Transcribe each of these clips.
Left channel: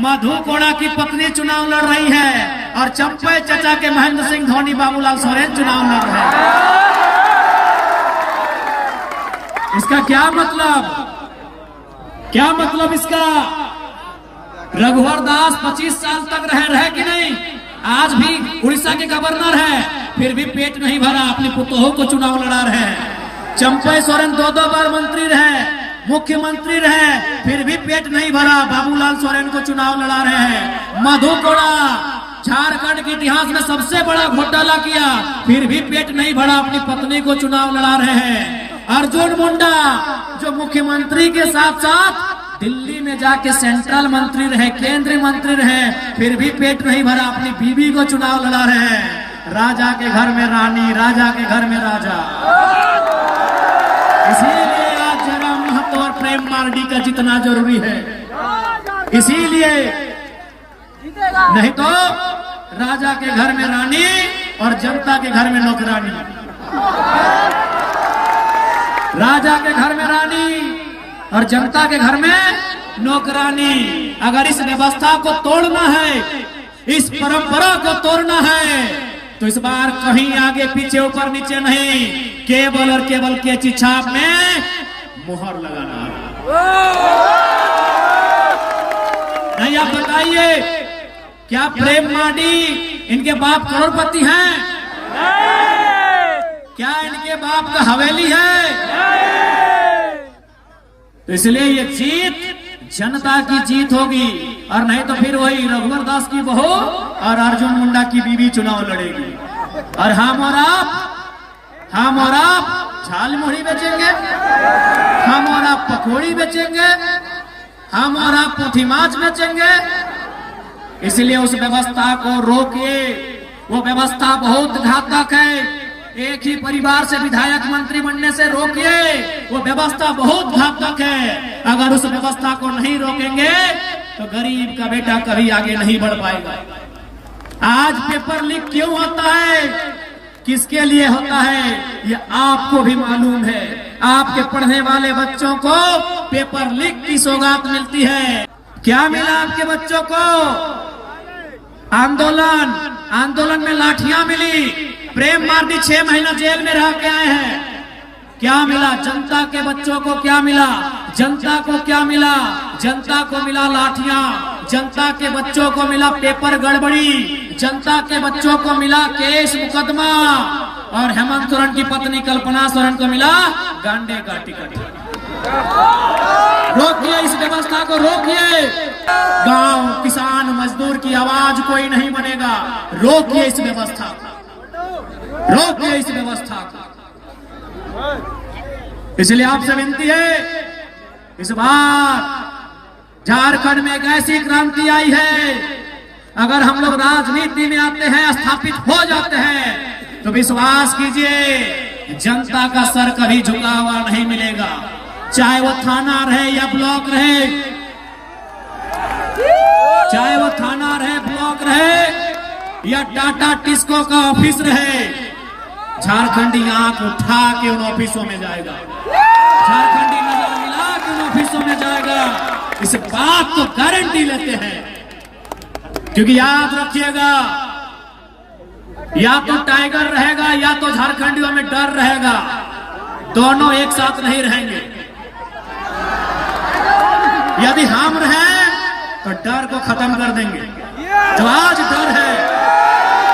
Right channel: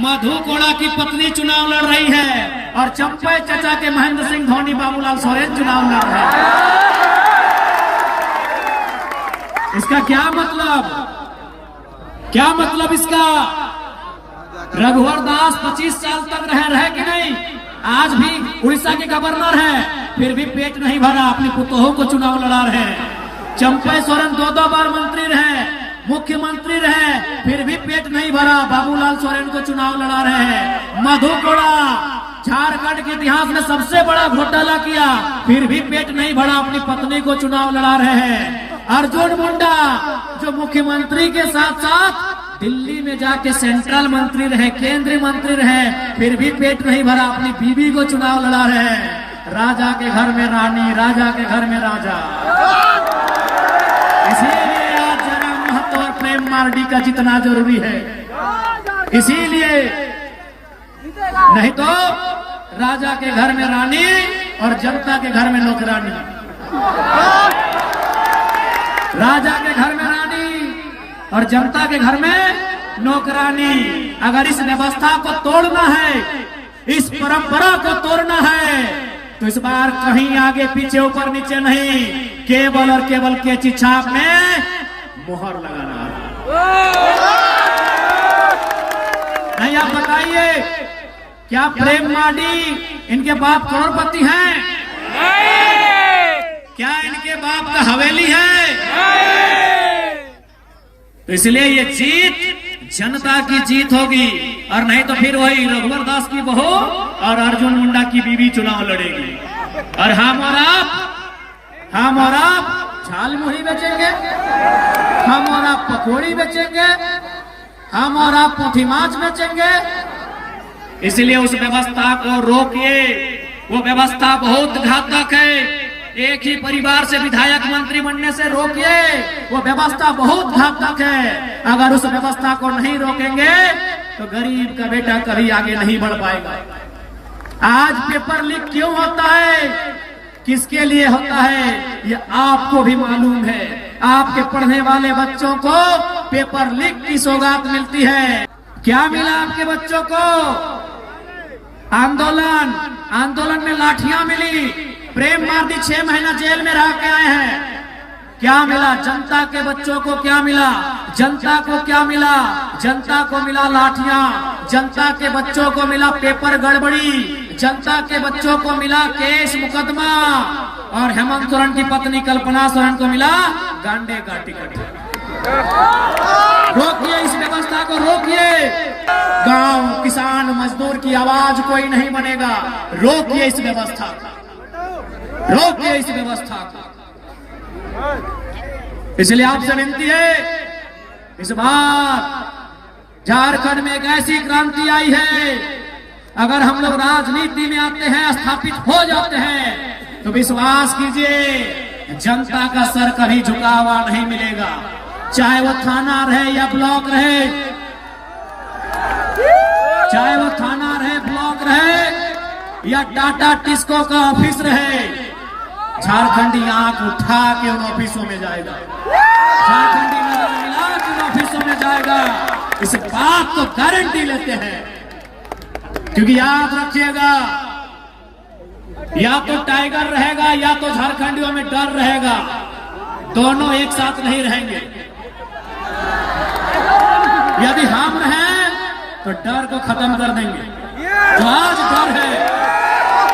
मधु कोड़ा की पत्नी चुनाव लड़ रही है और चंपे चचा के महेंद्र सिंह धोनी बाबूलाल सोरेन चुनाव लड़ रहे हैं। इसका क्या मतलब इसका? रघुवर दास 25 साल तक रहे कि नहीं? आज भी उड़ीसा के गवर्नर है, फिर भी पेट नहीं भरा, अपनी पुतोहों को चुनाव लड़ा रहे हैं। चंपे सोरेन 2 बार मंत्री रहे, मुख्यमंत्री रहे, फिर भी पेट नहीं भरा, बाबूलाल सोरेन को चुनाव लड़ा रहे हैं। मधु कोड़ा झारखंड के इतिहास में सबसे बड़ा घोटाला किया, फिर भी पेट नहीं भरा, अपनी पत्नी को चुनाव लड़ा रहे हैं। अर्जुन मुंडा जो मुख्यमंत्री के साथ साथ दिल्ली में जाके सेंट्रल मंत्री रहे, केंद्रीय मंत्री रहे, फिर भी पेट नहीं भरा, अपनी बीवी को चुनाव लड़ा रहे हैं। राजा के घर में रानी, राजा के घर में राजा। इसीलिए आज जरा महतो और प्रेम मार्डी का जितना जरूरी है, इसीलिए नहीं तो राजा के घर में रानी और जनता के घर में नौकरानी। राजा के घर में रानी और जनता के घर में नौकरानी। अगर इस व्यवस्था को तोड़ना है, इस परंपरा को तोड़ना है, तो इस बार कहीं आगे पीछे ऊपर नीचे नहीं, केवल और केवल कैंची छाप में मुहर लगाना है। नहीं, आप बताइए, क्या प्रेम मार्डी इनके बाप करोड़पति हैं? क्या इनके बाप का हवेली है? तो इसलिए ये जीत जनता की जीत होगी, और नहीं तो फिर वही रघुवर दास की बहू और अर्जुन मुंडा की बीवी चुनाव लड़ेगी। और हम और आप झाल मुढ़ी बेचेंगे, हम और आप पकौड़ी बेचेंगे, हम और आप पोथी माछ बेचेंगे। इसलिए उस व्यवस्था को रोकिए, वो व्यवस्था बहुत घातक है। एक ही परिवार से विधायक मंत्री बनने से रोकिए, वो व्यवस्था बहुत घातक है। अगर उस व्यवस्था को नहीं रोकेंगे तो गरीब का बेटा कभी आगे नहीं बढ़ पाएगा। आज पेपर लीक क्यों होता है, किसके लिए होता है, ये आपको भी मालूम है। आपके पढ़ने वाले बच्चों को पेपर लीक की सौगात मिलती है। क्या मिला आपके बच्चों को? आंदोलन में लाठियां मिली। प्रेम मार्डी 6 महीना जेल में रह के आए हैं। क्या मिला जनता के बच्चों को? क्या मिला जनता को? क्या मिला जनता को? मिला लाठियां। जनता के बच्चों को मिला पेपर गड़बड़ी, जनता के बच्चों को मिला केस मुकदमा, और हेमंत सोरेन की पत्नी कल्पना सोरेन को मिला गांडे का टिकट। रोकिए इस व्यवस्था को, रोकिए। गांव, किसान, मजदूर की आवाज कोई नहीं बनेगा। रोकिए इस व्यवस्था को, रोकिए इस व्यवस्था को। इसलिए आपसे विनती है, इस बार झारखंड में एक ऐसी क्रांति आई है, अगर हम लोग राजनीति में आते हैं, स्थापित हो जाते हैं, तो विश्वास कीजिए जनता का सर कभी झुका हुआ नहीं मिलेगा। चाहे वो थाना रहे या ब्लॉक रहे, चाहे वो थाना रहे, ब्लॉक रहे या टाटा टिस्को का ऑफिस रहे, झारखंडी आंख उठा के उन ऑफिसों में जाएगा, झारखंडी नजर मिला के उन ऑफिसों में जाएगा। इस बात को गारंटी लेते हैं, क्योंकि याद रखिएगा, या तो टाइगर रहेगा या तो झारखंडियों में डर रहेगा, दोनों एक साथ नहीं रहेंगे। यदि हम रहें तो डर को खत्म कर देंगे। जो आज डर है,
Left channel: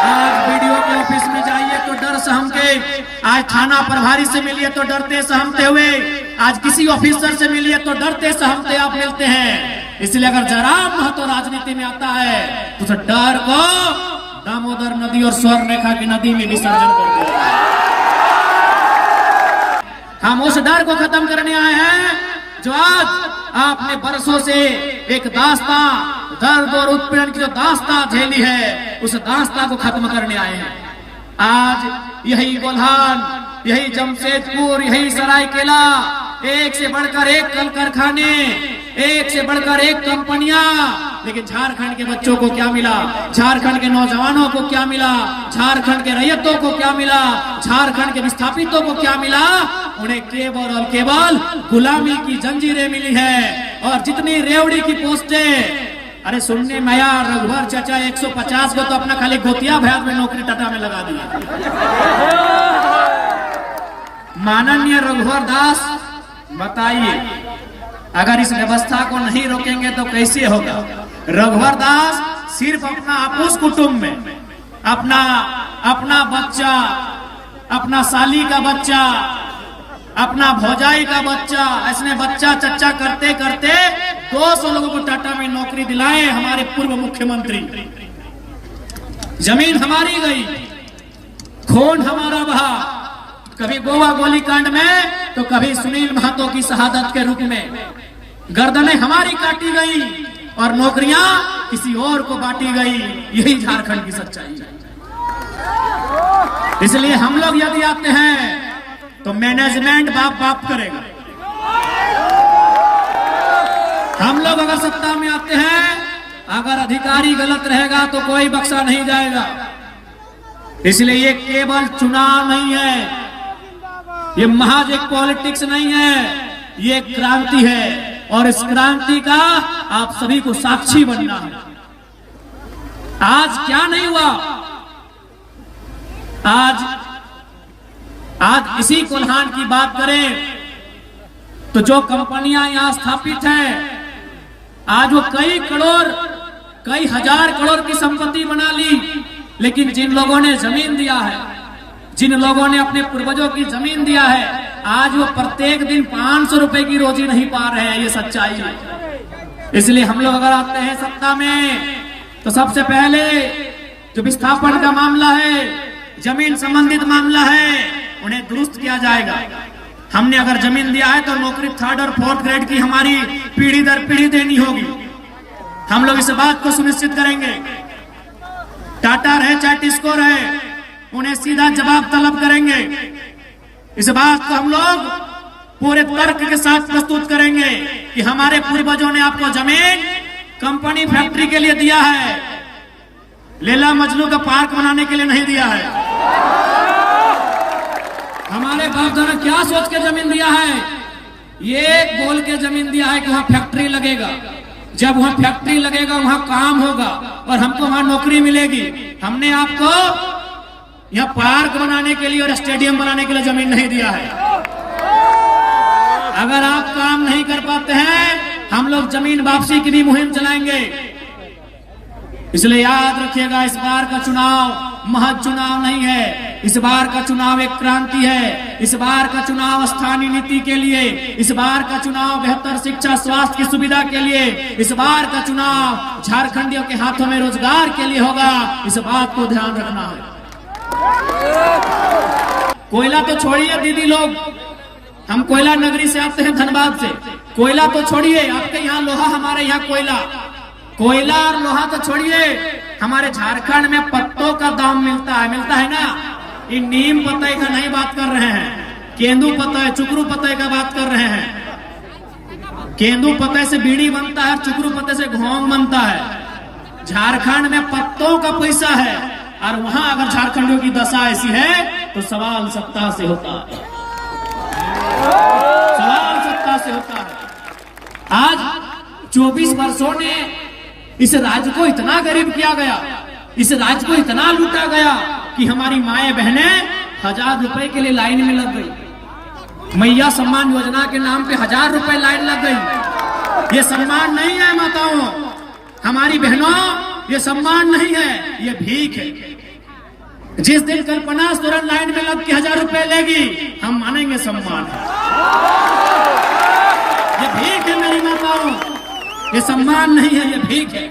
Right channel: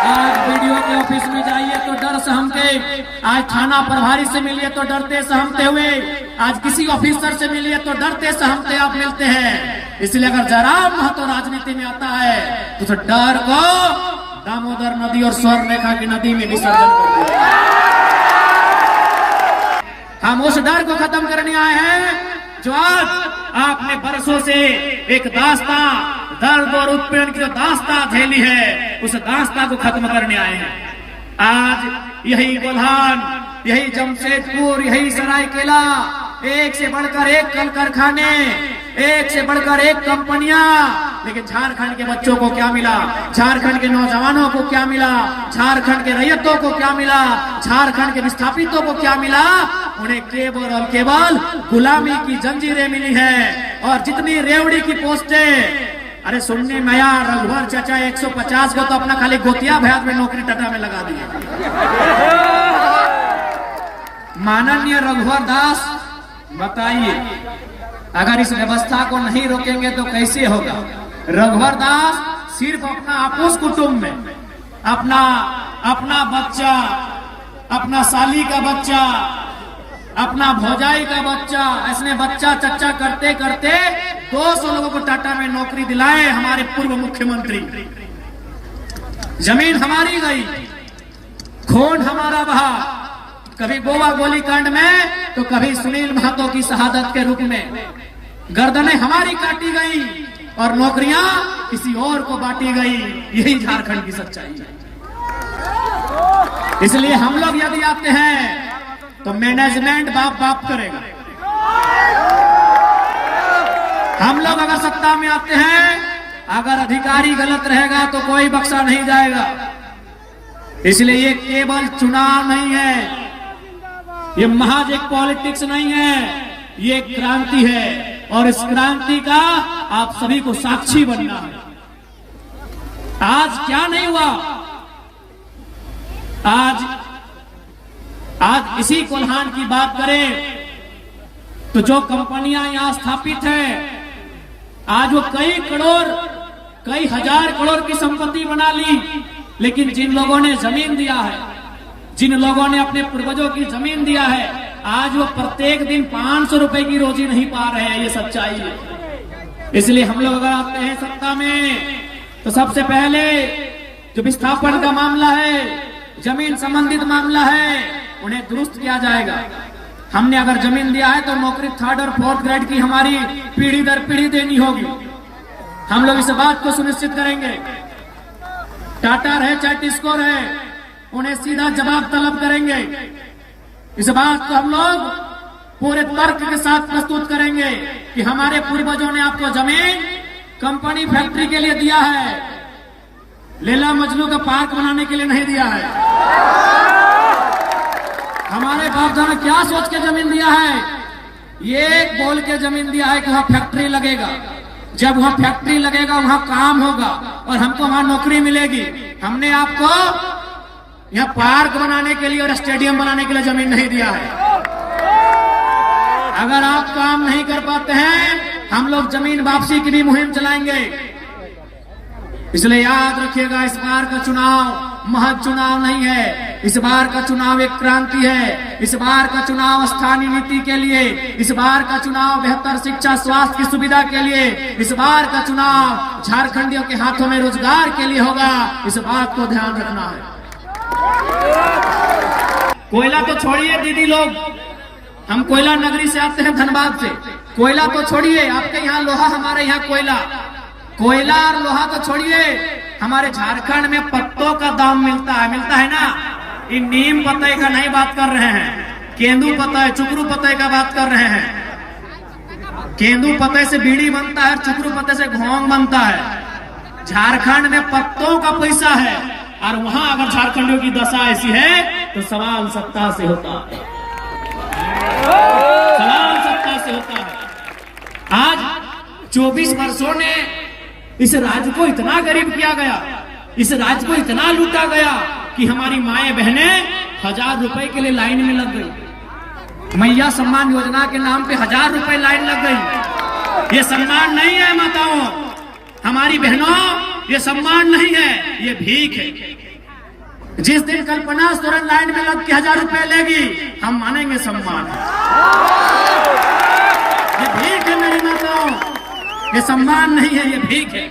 आज वीडियो के ऑफिस में जाइए तो डर सहमते, आज थाना प्रभारी से मिलिए तो डरते सहमते हुए, आज किसी ऑफिसर से मिलिए तो डरते सहमते आप मिलते हैं। इसलिए अगर जरा महत्व राजनीति में आता है तो डर को दामोदर नदी और स्वर्ण रेखा की नदी में विसर्जन कर दिया। हम उस डर को खत्म करने आए हैं जो आज आपने बरसों से एक दास्तां, दर्द और उत्पीड़न की जो दास्तां झेली है, उस दास्तां को खत्म करने आए हैं। आज यही गोल्हान, यही जमशेदपुर, यही सरायकेला, एक से बढ़कर एक कल कारखाने, एक से बढ़कर एक कंपनियां, लेकिन झारखंड के बच्चों को क्या मिला, झारखंड के नौजवानों को क्या मिला, झारखंड के रैयतों को क्या मिला, झारखंड के विस्थापितों को क्या मिला? उन्हें केवल और केवल गुलामी की जंजीरें मिली है। और जितनी रेवड़ी की पोस्टें अरे सुनने में आया रघुवर चाचा 150 को तो अपना खाली गोतिया भैया में नौकरी टाटा में लगा दिया। माननीय रघुवर दास, बताइए अगर इस व्यवस्था को नहीं रोकेंगे तो कैसे होगा। रघुवर दास सिर्फ अपना आपूस कुटुंब में अपना बच्चा, अपना साली का बच्चा, अपना भौजाई का बच्चा, ऐसने बच्चा चच्चा करते करते 200 लोगों को टाटा में नौकरी दिलाए हमारे पूर्व मुख्यमंत्री। जमीन हमारी गई, खून हमारा बहा, कभी गोवा गोलीकांड में तो कभी सुनील महतो की शहादत के रूप में गर्दनें हमारी काटी गई और नौकरियां किसी और को बांटी गई। यही झारखंड की सच्चाई है। इसलिए हम लोग यदि आते हैं तो मैनेजमेंट बाप बाप करेगा। हम लोग अगर सत्ता में आते हैं, अगर अधिकारी गलत रहेगा तो कोई बख्शा नहीं जाएगा। इसलिए ये केवल चुनाव नहीं है, ये महज एक पॉलिटिक्स नहीं है, ये एक क्रांति है और इस क्रांति का आप सभी को साक्षी बनना है। आज क्या नहीं हुआ, आज इसी कोल्हान की बात करें तो जो कंपनियां यहां स्थापित है, आज वो कई हजार करोड़ की संपत्ति बना ली, लेकिन जिन लोगों ने जमीन दिया है, जिन लोगों ने अपने पूर्वजों की जमीन दिया है, आज वो प्रत्येक दिन 500 रुपए की रोजी नहीं पा रहे हैं। ये सच्चाई है। इसलिए हम लोग अगर आते हैं सत्ता में तो सबसे पहले जो विस्थापन का मामला है, जमीन संबंधित मामला है, उन्हें दुरुस्त किया जाएगा। हमने अगर जमीन दिया है तो नौकरी 3rd और 4th ग्रेड की हमारी पीढ़ी दर पीढ़ी देनी होगी। हम लोग इस बात को सुनिश्चित करेंगे। टाटा रहे चाहे टिस्को रहे, उन्हें सीधा जवाब तलब करेंगे। इस बात को हम लोग पूरे तर्क के साथ प्रस्तुत करेंगे कि हमारे पूर्वजों ने आपको जमीन कंपनी फैक्ट्री के लिए दिया है, लैला मजनू का पार्क बनाने के लिए नहीं दिया है। हमारे बाप दादा क्या सोच के जमीन दिया है, ये बोल के जमीन दिया है कि वहां फैक्ट्री लगेगा। जब वहां फैक्ट्री लगेगा वहां काम होगा और हमको वहां नौकरी मिलेगी। हमने आपको यहाँ पार्क बनाने के लिए और स्टेडियम बनाने के लिए जमीन नहीं दिया है। अगर आप काम नहीं कर पाते हैं, हम लोग जमीन वापसी की भी मुहिम चलाएंगे। इसलिए याद रखिएगा, इस बार का चुनाव महज चुनाव नहीं है, इस बार का चुनाव एक क्रांति है। इस बार का चुनाव स्थानीय नीति के लिए, इस बार का चुनाव बेहतर शिक्षा स्वास्थ्य की सुविधा के लिए, इस बार का चुनाव झारखंडियों के हाथों में रोजगार के लिए होगा। इस बात को ध्यान रखना है। कोयला तो छोड़िए दीदी लोग, हम कोयला नगरी से आते हैं, धनबाद से। कोयला तो छोड़िए, आपके यहाँ लोहा, हमारे यहाँ कोयला और लोहा तो छोड़िए, हमारे झारखंड में पत्तों का दाम मिलता है ना। ये नीम पत्ते का नहीं बात कर रहे हैं, केंदू पत्ते, चुकरू पत्ते का बात कर रहे हैं। केंदू पत्ते से बीड़ी बनता है, चुकरू पत्ते से घोंग बनता है। झारखंड में पत्तों का पैसा है और वहां अगर झारखंडियों की दशा ऐसी है तो सवाल सत्ता से होता है, सवाल सत्ता से होता है। आज 24 वर्षों ने इस राज्य को इतना गरीब किया गया, इस राज्य को इतना लूटा गया कि हमारी माएं बहनें 1000 रुपए के लिए लाइन में लग गई। मैया सम्मान योजना के नाम पे 1000 रुपए लाइन लग गई। ये सम्मान नहीं है माताओं, हमारी बहनों, ये सम्मान नहीं है, ये भीख है। जिस दिन कल्पना सोरेन लाइन में लग के 1000 रुपए लेगी, हम मानेंगे सम्मान है। ये भीख है मेरी माताओं, ये सम्मान नहीं है, ये भीख है।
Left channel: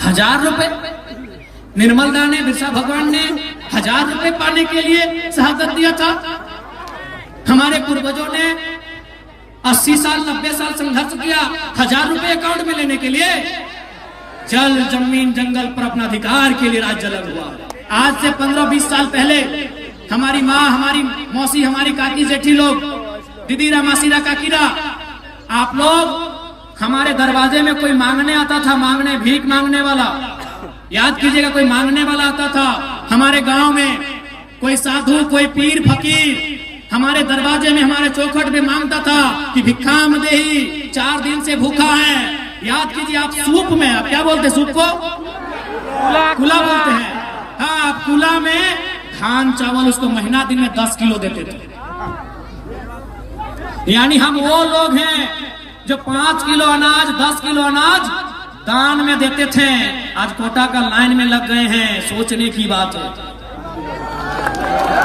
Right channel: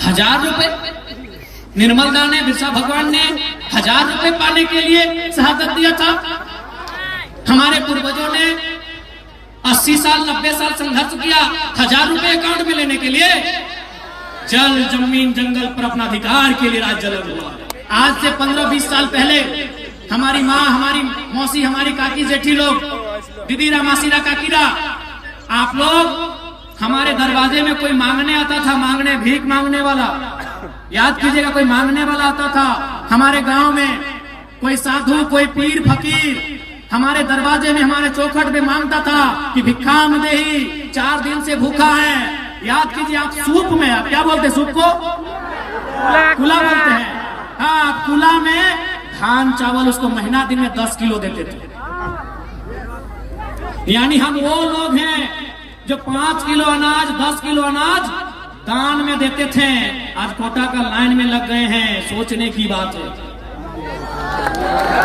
1000 रुपए निर्मल दा ने, बिरसा भगवान ने 1000 रुपए पाने के लिए शहादत दिया था। हमारे पूर्वजों ने 80 साल 90 साल संघर्ष किया 1000 रुपए अकाउंट में लेने के लिए। जल जमीन जंगल पर अपना अधिकार के लिए राज्य लड़ हुआ। आज से 15-20 साल पहले हमारी माँ, हमारी मौसी, हमारी काकी जेठी लोग, दीदीरा मासीरा काकीरा, आप लोग हमारे दरवाजे में कोई मांगने आता था, मांगने, भीख मांगने वाला, याद कीजिएगा, कोई मांगने वाला आता था। हमारे गांव में कोई साधु, कोई पीर फकीर हमारे दरवाजे में, हमारे चौखट में मांगता था कि भिक्षा देही, 4 दिन से भूखा है, याद कीजिए, आप सूप में, आप क्या बोलते हैं सूप को? कुला बोलते हैं। हाँ, आप कुला में धान चावल उसको महीना दिन में 10 किलो देते थे। यानी हम वो लोग हैं जो 5 किलो अनाज, 10 किलो अनाज दान में देते थे। आज कोटा का लाइन में लग गए हैं, सोचने की बात है।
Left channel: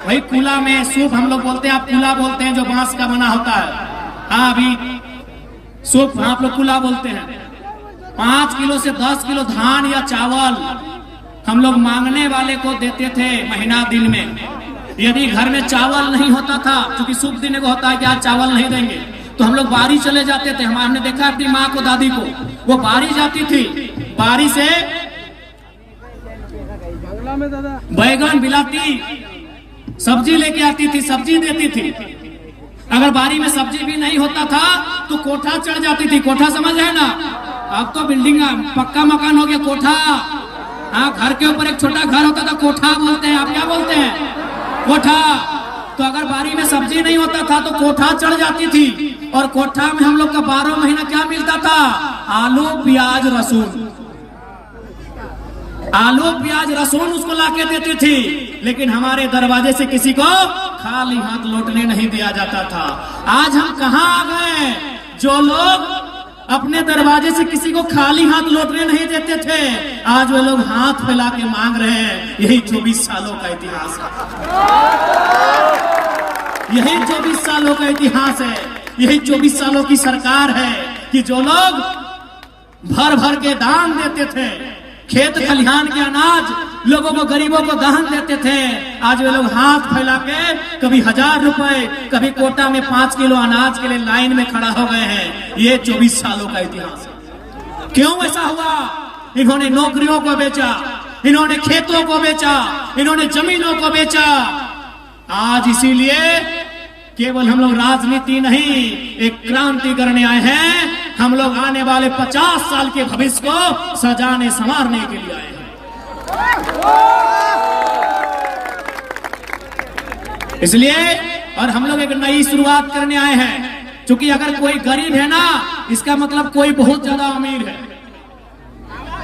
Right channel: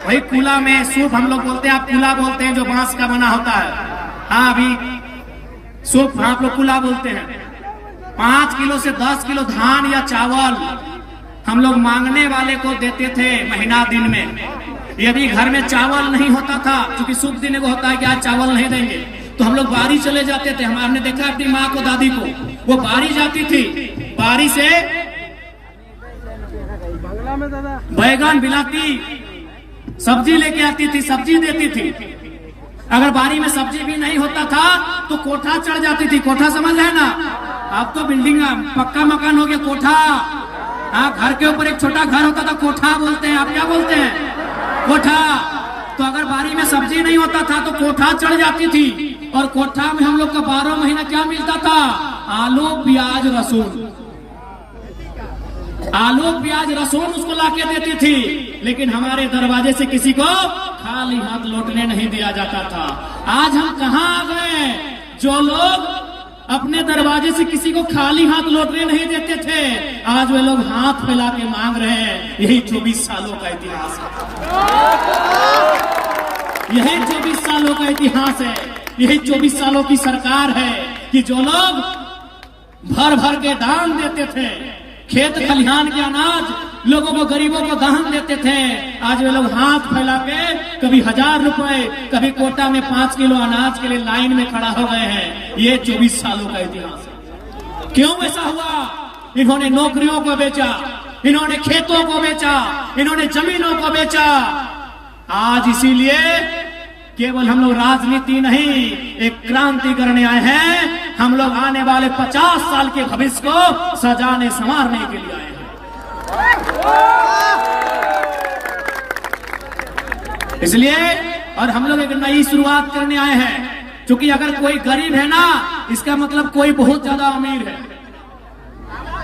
वही कुला में सूप हम लोग बोलते हैं, आप कुला बोलते हैं, जो बांस का बना होता है। हाँ, अभी सूप आप लोग कुला बोलते हैं। 5 किलो से 10 किलो धान या चावल हम लोग मांगने वाले को देते थे महीना दिन में। यदि घर में चावल नहीं होता था, क्योंकि सूप देने को होता है कि आज चावल नहीं देंगे, तो हम लोग बारी चले जाते थे। हमने देखा अपनी माँ को, दादी को, वो बारी जाती थी, बारी से बैगन, बिलाती सब्जी लेके आती थी, सब्जी देती थी। अगर बारी में सब्जी भी नहीं होता था तो कोठा चढ़ जाती थी। कोठा समझ रहे ना? अब तो बिल्डिंग पक्का मकान हो गया, कोठा। हाँ, घर के ऊपर एक छोटा घर होता था, कोठा बोलते हैं। आप क्या बोलते हैं? कोठा। तो अगर बारी में सब्जी नहीं होता था तो कोठा चढ़ जाती थी, और कोठा में हम लोग का 12 महीना क्या मिलता था? आलू, प्याज, लहसुन। आलू, प्याज, लहसुन उसको लाके देती थी। लेकिन हमारे दरवाजे से किसी को खाली हाथ लौटने नहीं दिया जाता था। आज हम कहाँ आ गए? जो लोग अपने दरवाजे से किसी को खाली हाथ लौटने नहीं देते थे, आज वे लोग हाथ फैला के मांग रहे हैं। यही 24 सालों का इतिहास है। यही 24 सालों का इतिहास है। यही 24 सालों की सरकार है कि जो लोग भर भर के दान देते थे, खेत खलिहान के अनाज लोगों को, गरीबों को दान देते थे, आज वे लोग हाथ फैला के कभी 1000 रुपए, कभी कोटा में 5 किलो अनाज के लिए लाइन में खड़ा हो गए हैं। ये 24 सालों का इतिहास है। क्यों ऐसा हुआ? इन्होंने नौकरियों को बेचा, इन्होंने खेतों को बेचा, इन्होंने जमीनों को बेचा। आज इसीलिए केवल हम लोग राजनीति नहीं, एक क्रांति करने आए हैं। हम लोग आने वाले 50 साल के भविष्य को सजाने संवारने के लिए आए हैं। इसलिए और हम लोग एक नई शुरुआत करने आए हैं। क्योंकि अगर कोई गरीब है ना, इसका मतलब कोई बहुत ज्यादा अमीर है।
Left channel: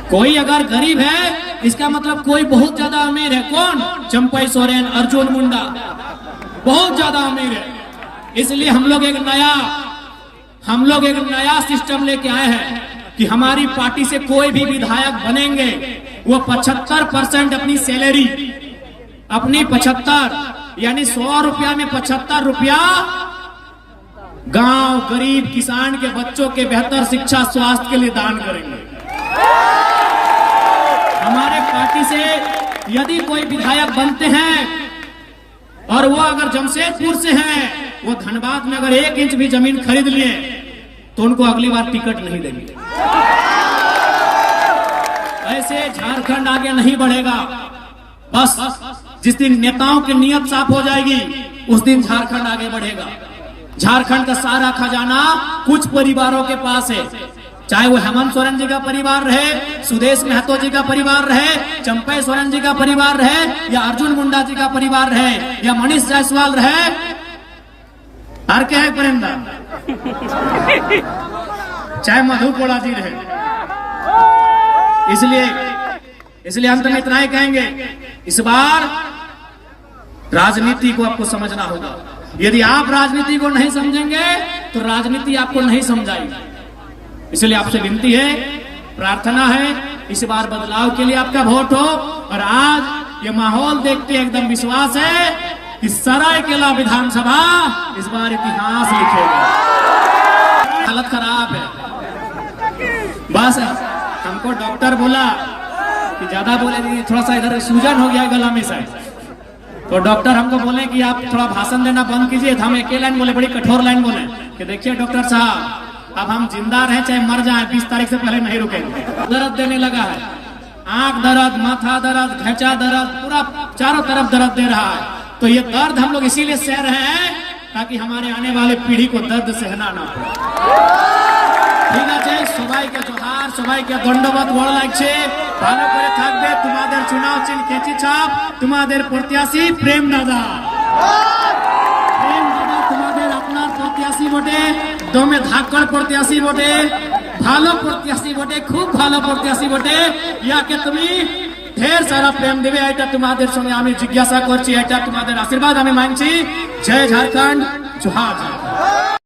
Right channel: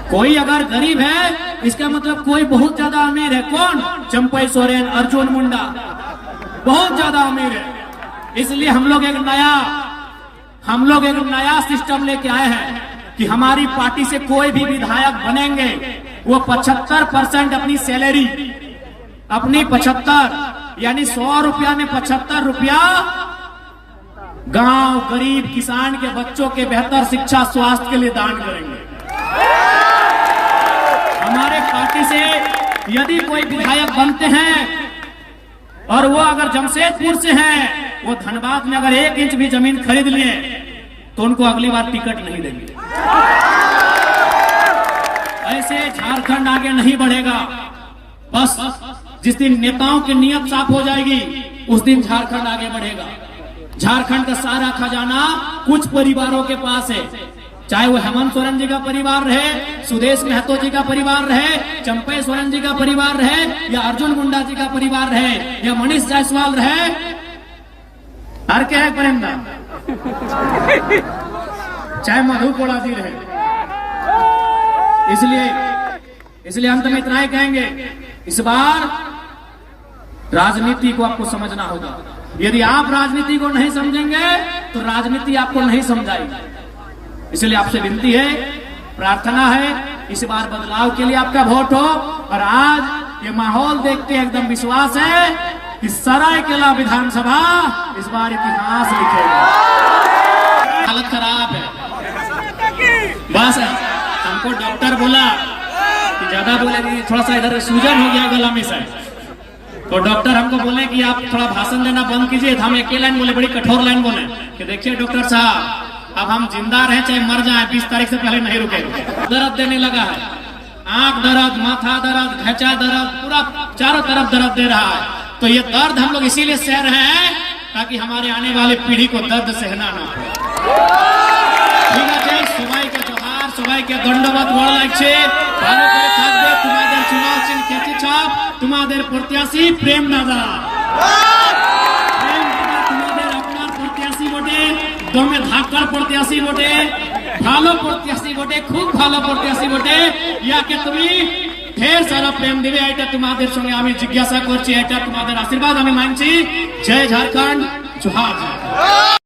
कोई अगर गरीब है, इसका मतलब कोई बहुत ज्यादा अमीर है। कौन? चंपई सोरेन, अर्जुन मुंडा बहुत ज्यादा अमीर है। इसलिए हम लोग एक नया सिस्टम लेके आए हैं कि हमारी पार्टी से कोई भी विधायक बनेंगे, वो 75% अपनी सैलरी, अपनी 75 यानी 100 रुपया में 75 रुपया गांव, गरीब किसान के बच्चों के बेहतर शिक्षा, स्वास्थ्य के लिए दान करेंगे। हमारे पार्टी से यदि कोई विधायक बनते हैं और वो अगर जमशेदपुर से हैं, वो धनबाद में अगर 1 इंच भी जमीन खरीद लिए तो उनको अगली बार टिकट नहीं देंगे। ऐसे झारखंड आगे नहीं बढ़ेगा। बस जिस दिन नेताओं की नीयत साफ हो जाएगी, उस दिन झारखंड आगे बढ़ेगा। झारखंड का सारा खजाना कुछ परिवारों के पास है, चाहे वो हेमंत सोरेन जी का परिवार रहे, सुदेश महतो जी का परिवार रहे, चंपई सोरेन जी का परिवार रहे, या अर्जुन मुंडा जी का परिवार रहे, या मनीष जायसवाल रहे, हर क्या है प्रेमदान, चाहे मधु कोड़ा जी रहे। इसलिए अंत में इतना ही कहेंगे, इस बार राजनीति को आपको समझना होगा। यदि आप राजनीति को नहीं समझेंगे तो राजनीति आपको नहीं समझाएगी। इसलिए आपसे विनती है, प्रार्थना है, इस बार बदलाव के लिए आपका वोट हो। और आज ये माहौल देखते एकदम विश्वास है कि सरायकेला विधानसभा इस बार इतिहास लिखेगा। हालत खराब है, बस हमको डॉक्टर बोला कि ज्यादा बोले, थोड़ा सा इधर सूजन हो गया गला में से, तो डॉक्टर हमको बोले कि आप थोड़ा भाषण देना बंद कीजिए। हम एक लाइन बोले, बड़ी कठोर लाइन बोले कि देखिए डॉक्टर साहब, अब हम जिंदा रहे चाहे मर जाए, 20 तारीख से पहले नहीं रुकेंगे। दर्द देने लगा है, आंख दर्द, माथा दर्द, घेचा दर्द, पूरा चारों तरफ दर्द दे रहा है। तो ये दर्द हम लोग इसीलिए सह रहे हैं ताकि हमारे आने वाले पीढ़ी को दर्द सहना ना पड़े। ঠিক আছে, সবাইকে জোহার, সবাইকে ধন্যবাদ। ভালো লাগছে, ভালো করে থাকবে। তোমাদের চুনাव চিহ্ন কেচি ছাপ, তোমাদের প্রত্যাশী প্রেম দাদা। প্রেম দাদা তোমাদের আপনার প্রত্যাশী বটে, দমে ধাক্কার প্রত্যাশী বটে। ভালো প্রত্যাশী বটে, খুব ভালো প্রত্যাশী বটে। ইয়াকে তুমি ঢের সারা প্রেম দেবে, এটা তোমাদের সঙ্গে আমি জিজ্ঞাসা করছি, এটা তোমাদের আশীর্বাদ আমি মানছি। জয় ঝাড়খণ্ড, জোহার।